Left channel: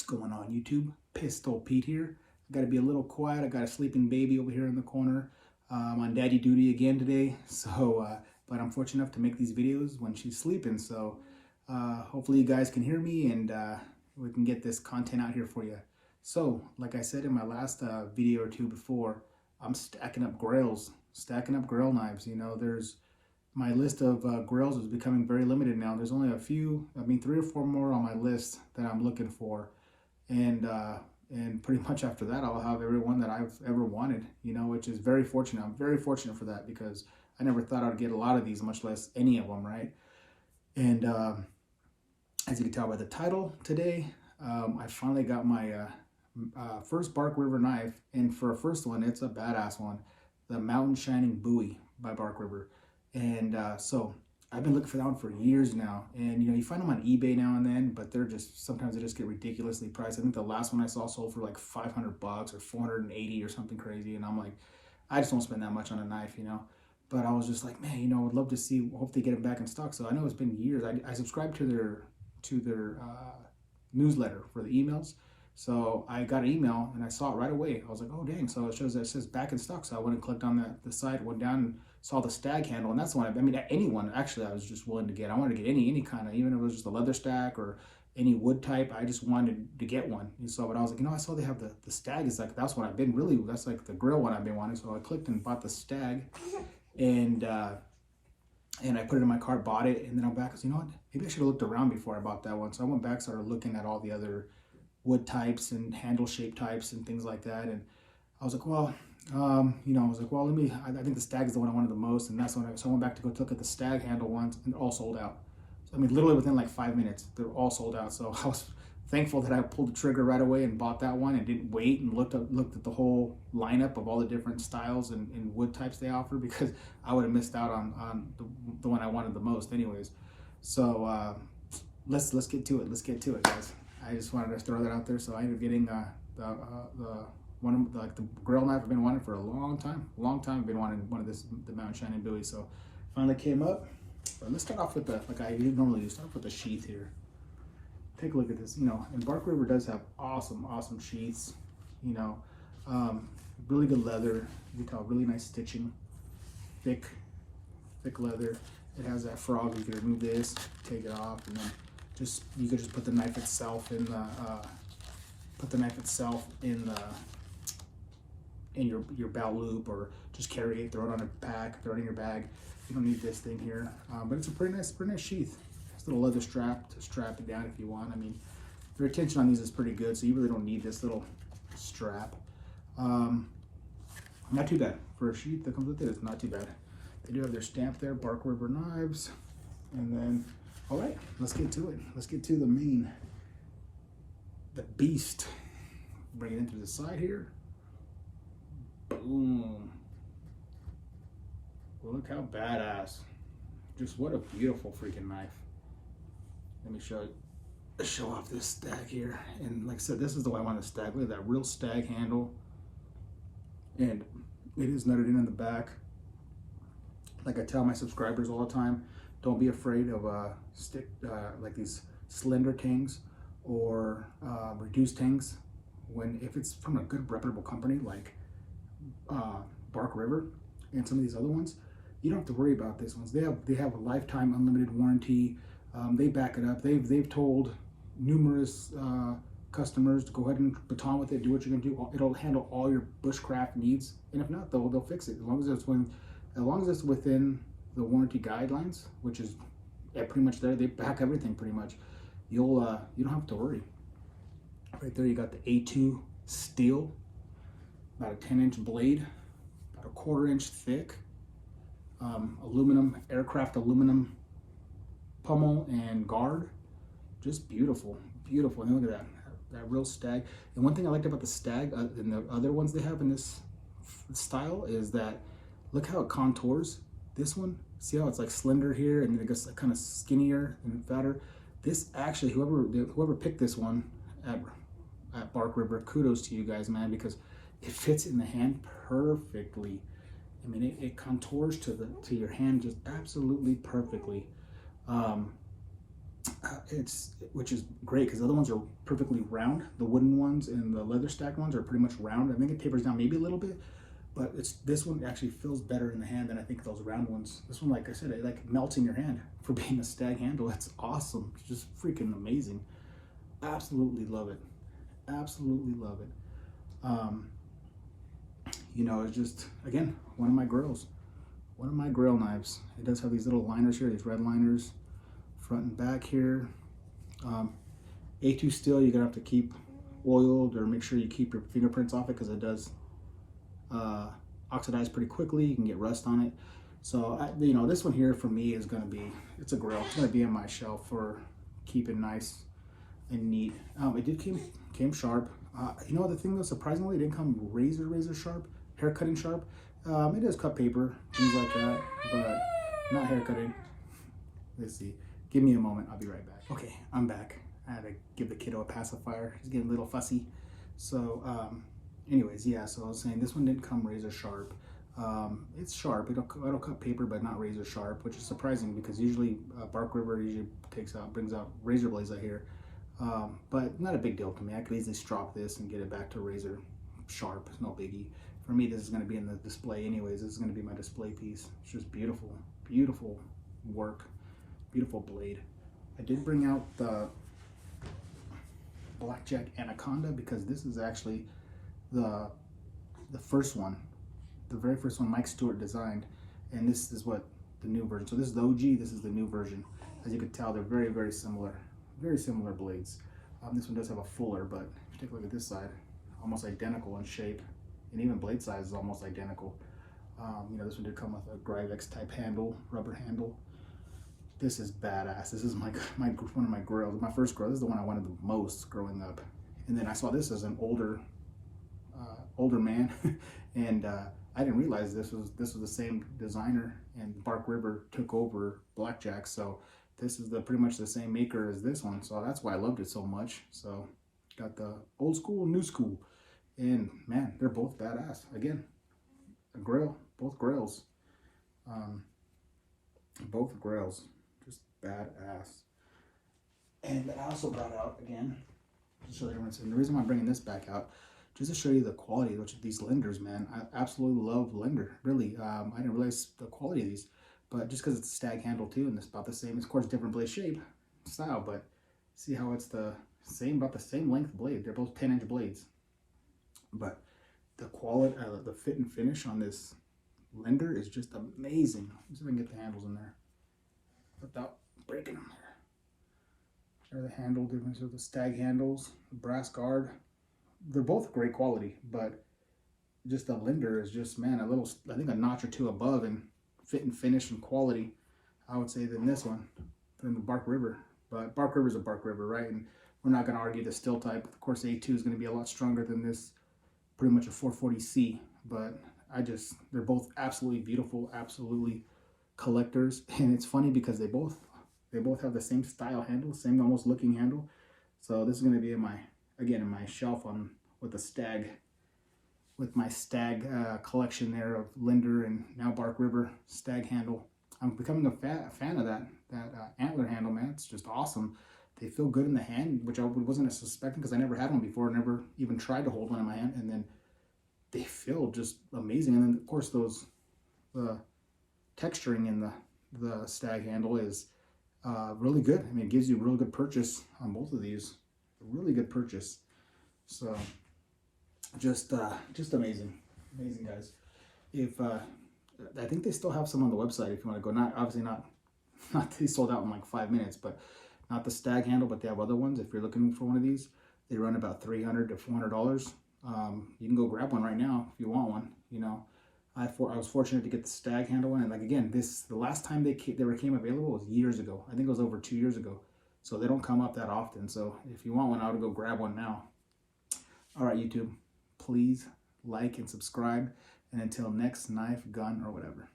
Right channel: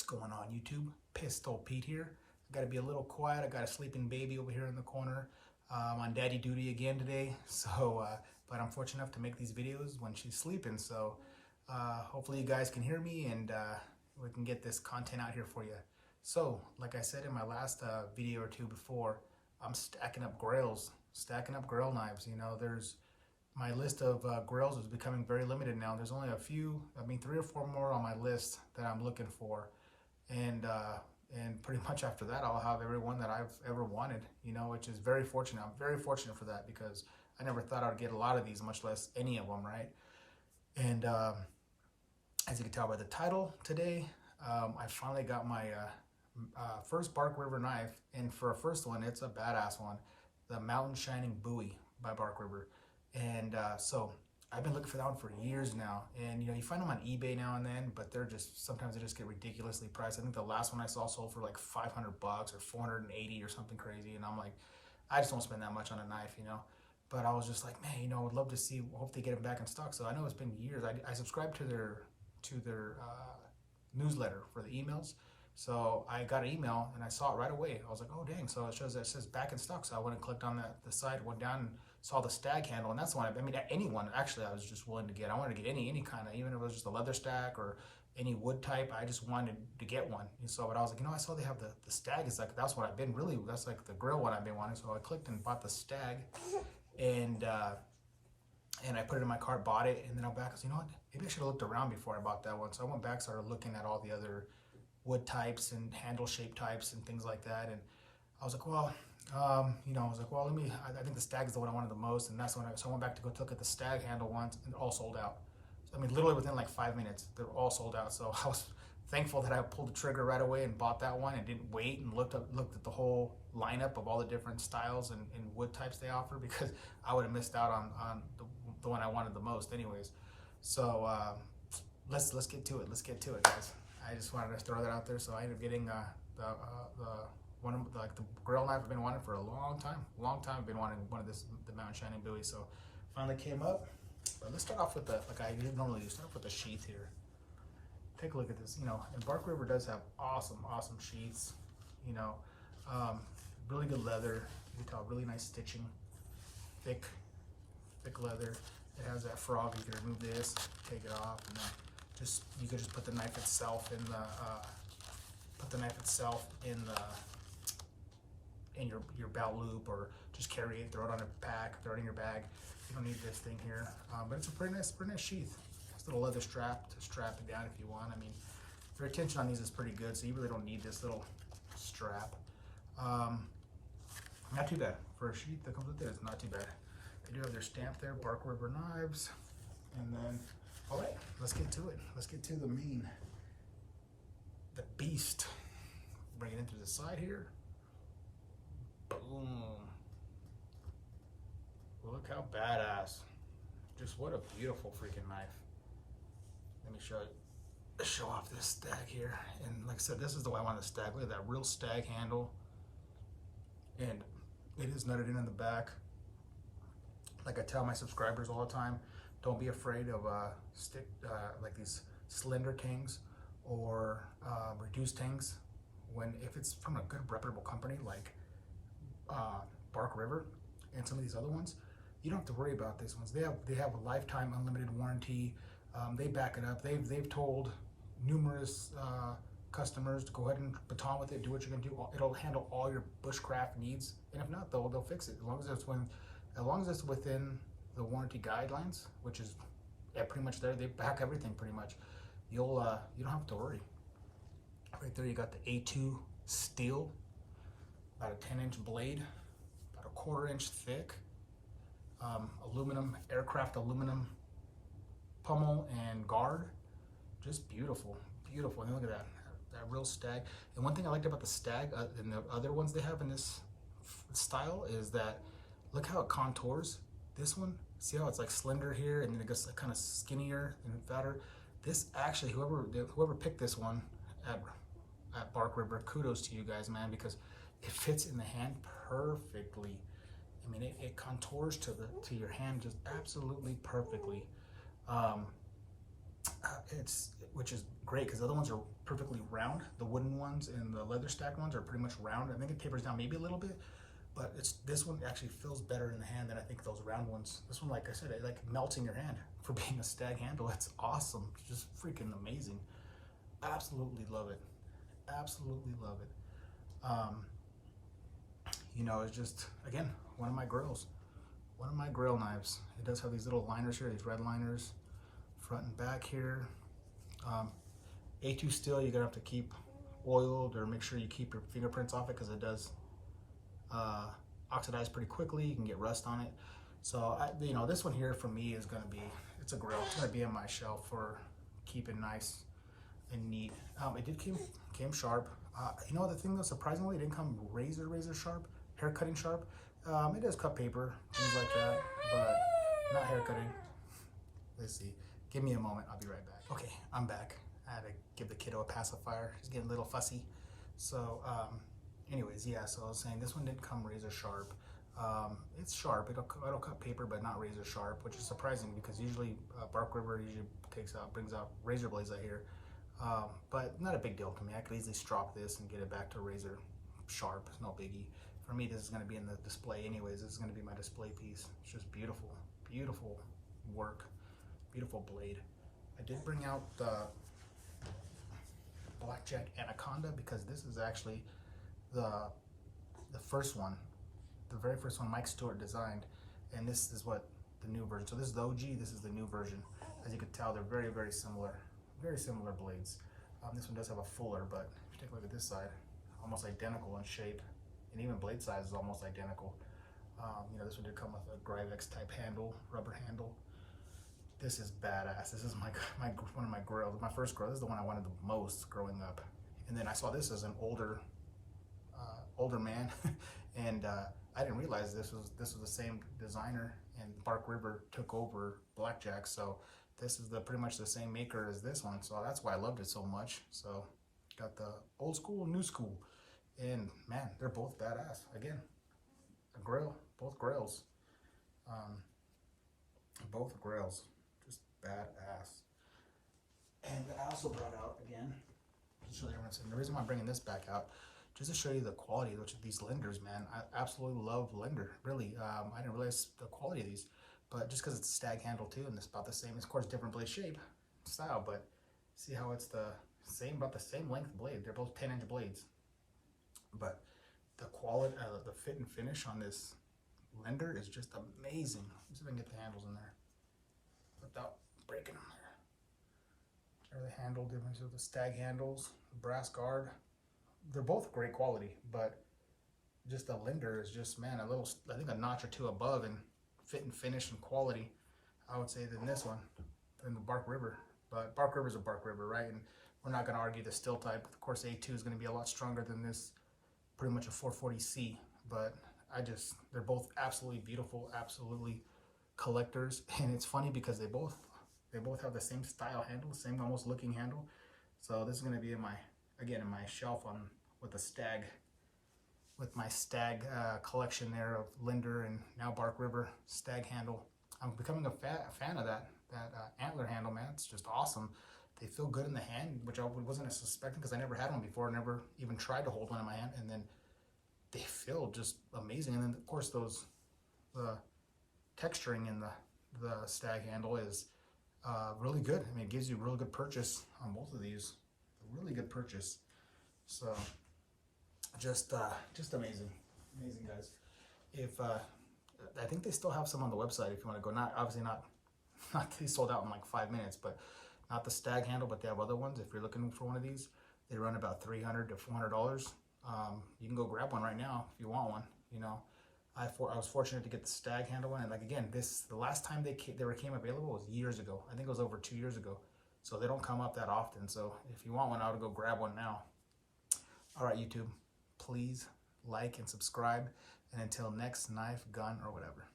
What's going on, YouTube? Pistol Pete here. I gotta be a little quiet. I got a sleeping baby over here in the corner. I'm on daddy duty again today, but I'm fortunate enough to make these videos when she's sleeping, so hopefully you guys can hear me and we can get this content out here for you. So, like I said in my last video or two before, I'm stacking up grails, stacking up grail knives. You know, my list of grails is becoming very limited now. There's only a few, 3 or 4 more on my list that I'm looking for. And pretty much after that, I'll have every one that I've ever wanted, you know, which is very fortunate. I'm very fortunate for that because I never thought I'd get a lot of these, much less any of them, right? And as you can tell by the title today, I finally got my first Bark River knife. And for a first one, it's a badass one, the Mountain Shining Bowie by Bark River. And so I've been looking for that one for years now. And, you know, you find them on eBay now and then, but sometimes they just get ridiculously priced. I think the last one I saw sold for like $500 or 480 or something crazy. And I'm like, I just don't spend that much on a knife, you know. But I was just like, man, you know, I'd love to see, hope they get it back in stock. So I know it's been years. I subscribed to their newsletter for the emails. So I got an email and I saw it right away. I was like, oh dang! So it says back in stock. So I went and clicked on the site, went down and saw the stag handle, and that's the one. Any one actually, I was just willing to get. I wanted to get any kind of, even if it was just a leather stack or any wood type. I just wanted to get one. And so, but I was like, you know, I saw they have the stag. Is like, that's what I've been really. That's like the grill one I've been wanting. So I clicked and bought the stag, and I put it in my cart, bought it, and then I'm back. You know what? Maybe I should have looked around before I bought that one. So I went back, started looking at all the other wood types and handle shape types and things like that. And I was like, well, you know, I think the stag is the one I wanted the most. And that's when so I went back to go look at the stag handle ones, and they're all sold out. So, literally within like 5 minutes, they're all sold out. So I was thankful that I pulled the trigger right away and bought that one and didn't wait and looked at the whole lineup of all the different styles and wood types they offer, because I would have missed out on the one I wanted the most anyways. So let's get to it. Let's get to it, guys. I just wanted to throw that out there. So I ended up getting the grill knife I've been wanting for a long time. I've been wanting one of the Mountain Shining Bowie. So finally came up. But let's start off with like I normally do. Start off with the sheath here. Take a look at this. You know, and Bark River does have awesome sheaths. You know, really good leather. You can tell, really nice stitching. Thick leather. It has that frog. You can remove this, take it off, and then you could just put the knife itself in your belt loop, or just carry it, throw it on a pack, throw it in your bag. You don't need this thing here, but it's a pretty nice sheath. It's a little leather strap to strap it down if you want. The retention on these is pretty good, so you really don't need this little strap. Not too bad for a sheath that comes with it. It's not too bad. They do have their stamp there, Bark River Knives, and then. All right, let's get to it. Let's get to the beast. Bring it into the side here. Boom. Look how badass. Just what a beautiful freaking knife. Let me show off this stag here. And like I said, this is the way I want to stag. Look at that real stag handle. And it is nutted in the back. Like I tell my subscribers all the time, don't be afraid of like these slender tings or reduced tings if it's from a good reputable company like Bark River and some of these other ones. You don't have to worry about these ones. They have a lifetime unlimited warranty. They back it up. They've told numerous customers to go ahead and baton with it, do what you're gonna do. It'll handle all your bushcraft needs, and if not, they'll fix it as long as it's within the warranty guidelines, which is pretty much there. They back everything pretty much. You don't have to worry. Right there, you got the A2 steel, about a 10-inch blade, about a 1/4 inch thick, aircraft aluminum pommel and guard. Just beautiful. And look at that real stag. And one thing I liked about the stag and the other ones they have in this style is that look how it contours. This one, see how it's like slender here, and then it gets kind of skinnier and fatter. This actually, whoever picked this one at Bark River, kudos to you guys, man, because it fits in the hand perfectly. It contours to your hand just absolutely perfectly. which is great because the other ones are perfectly round. The wooden ones and the leather stack ones are pretty much round. I think it tapers down maybe a little bit, but this one actually feels better in the hand than I think those round ones. This one, like I said, it like melts in your hand for being a stag handle. It's awesome. It's just freaking amazing. Absolutely love it. Absolutely love it. You know, it's just, again, one of my grails. One of my grail knives. It does have these little liners here, these red liners, front and back here. A2 steel, you're gonna have to keep oiled or make sure you keep your fingerprints off it because it does oxidize pretty quickly. You can get rust on it. So, you know, this one here for me is gonna be, it's a grail. It's gonna be on my shelf for keeping nice and neat. It did came sharp. You know, the thing though, surprisingly, it didn't come razor sharp, hair cutting sharp. It does cut paper, things like that, but not hair cutting. Let's see. Give me a moment. I'll be right back. Okay, I'm back. I had to give the kiddo a pacifier. He's getting a little fussy. So, anyways, yeah. So I was saying this one didn't come razor sharp. It's sharp. It'll cut paper, but not razor sharp, which is surprising because usually Bark River usually brings out razor blades out here. But not a big deal to me. I could easily strop this and get it back to razor sharp. It's no biggie. For me, this is going to be in the display anyways. This is going to be my display piece. It's just beautiful, beautiful work, beautiful blade. I did bring out the Blackjack Anaconda because this is actually the first one, the very first one Mike Stewart designed, and this is what the new version. So this is the OG. This is the new version. As you can tell, they're very similar. Very similar blades. This one does have a fuller, but if you take a look at this side, almost identical in shape, and even blade size is almost identical. You know, this one did come with a Gryvex type handle, rubber handle. This is badass. This is one of my grails, my first grail. This is the one I wanted the most growing up. And then I saw this as an older man, and I didn't realize this was the same designer, and Bark River took over Blackjack. So this is pretty much the same maker as this one, so that's why I loved it so much. So got the old school, new school, and man, they're both badass. Again, a grail, both grails, just badass. And I also brought out again to show the difference. And the reason why I'm bringing this back out, just to show you the quality of these lenders, man. I absolutely love lender. Really, I didn't realize the quality of these. But just because it's a stag handle too, and it's about the same, of course, different blade shape, style, but see how it's the same, about the same length blade. They're both 10-inch blades. But the quality, the fit and finish on this lender is just amazing. Let's see if I can get the handles in there without breaking them there. The handle difference of the stag handles, the brass guard. They're both great quality, but just the lender is just, man, I think a notch or two above in fit and finish and quality, I would say, than this one, than the Bark River. But Bark River is a Bark River, right? And we're not going to argue the steel type. Of course, A2 is going to be a lot stronger than this, pretty much a 440C. But they're both absolutely beautiful, absolutely collectors. And it's funny because they both have the same style handle, same almost looking handle. So this is going to be in my shelf with my stag collection there of lender and now Bark River stag handle. I'm becoming a fan of that antler handle, man. It's just awesome. They feel good in the hand, which I wasn't suspecting because I never had one before, never even tried to hold one in my hand, and then they feel just amazing. And then of course the texturing in the stag handle is really good. I mean, it gives you a really good purchase on both of these. A really good purchase. So just amazing, guys. If I think they still have some on the website if you want to go. Not they sold out in like 5 minutes, but not the stag handle, but they have other ones. If you're looking for one of these, they run about $300 to $400. You can go grab one right now if you want one. You know, I was fortunate to get the stag handle one, and like again, the last time they became available was years ago. I think it was over 2 years ago. So they don't come up that often. So if you want one, I would go grab one now. All right, YouTube, please like and subscribe. And until next knife, gun, or whatever.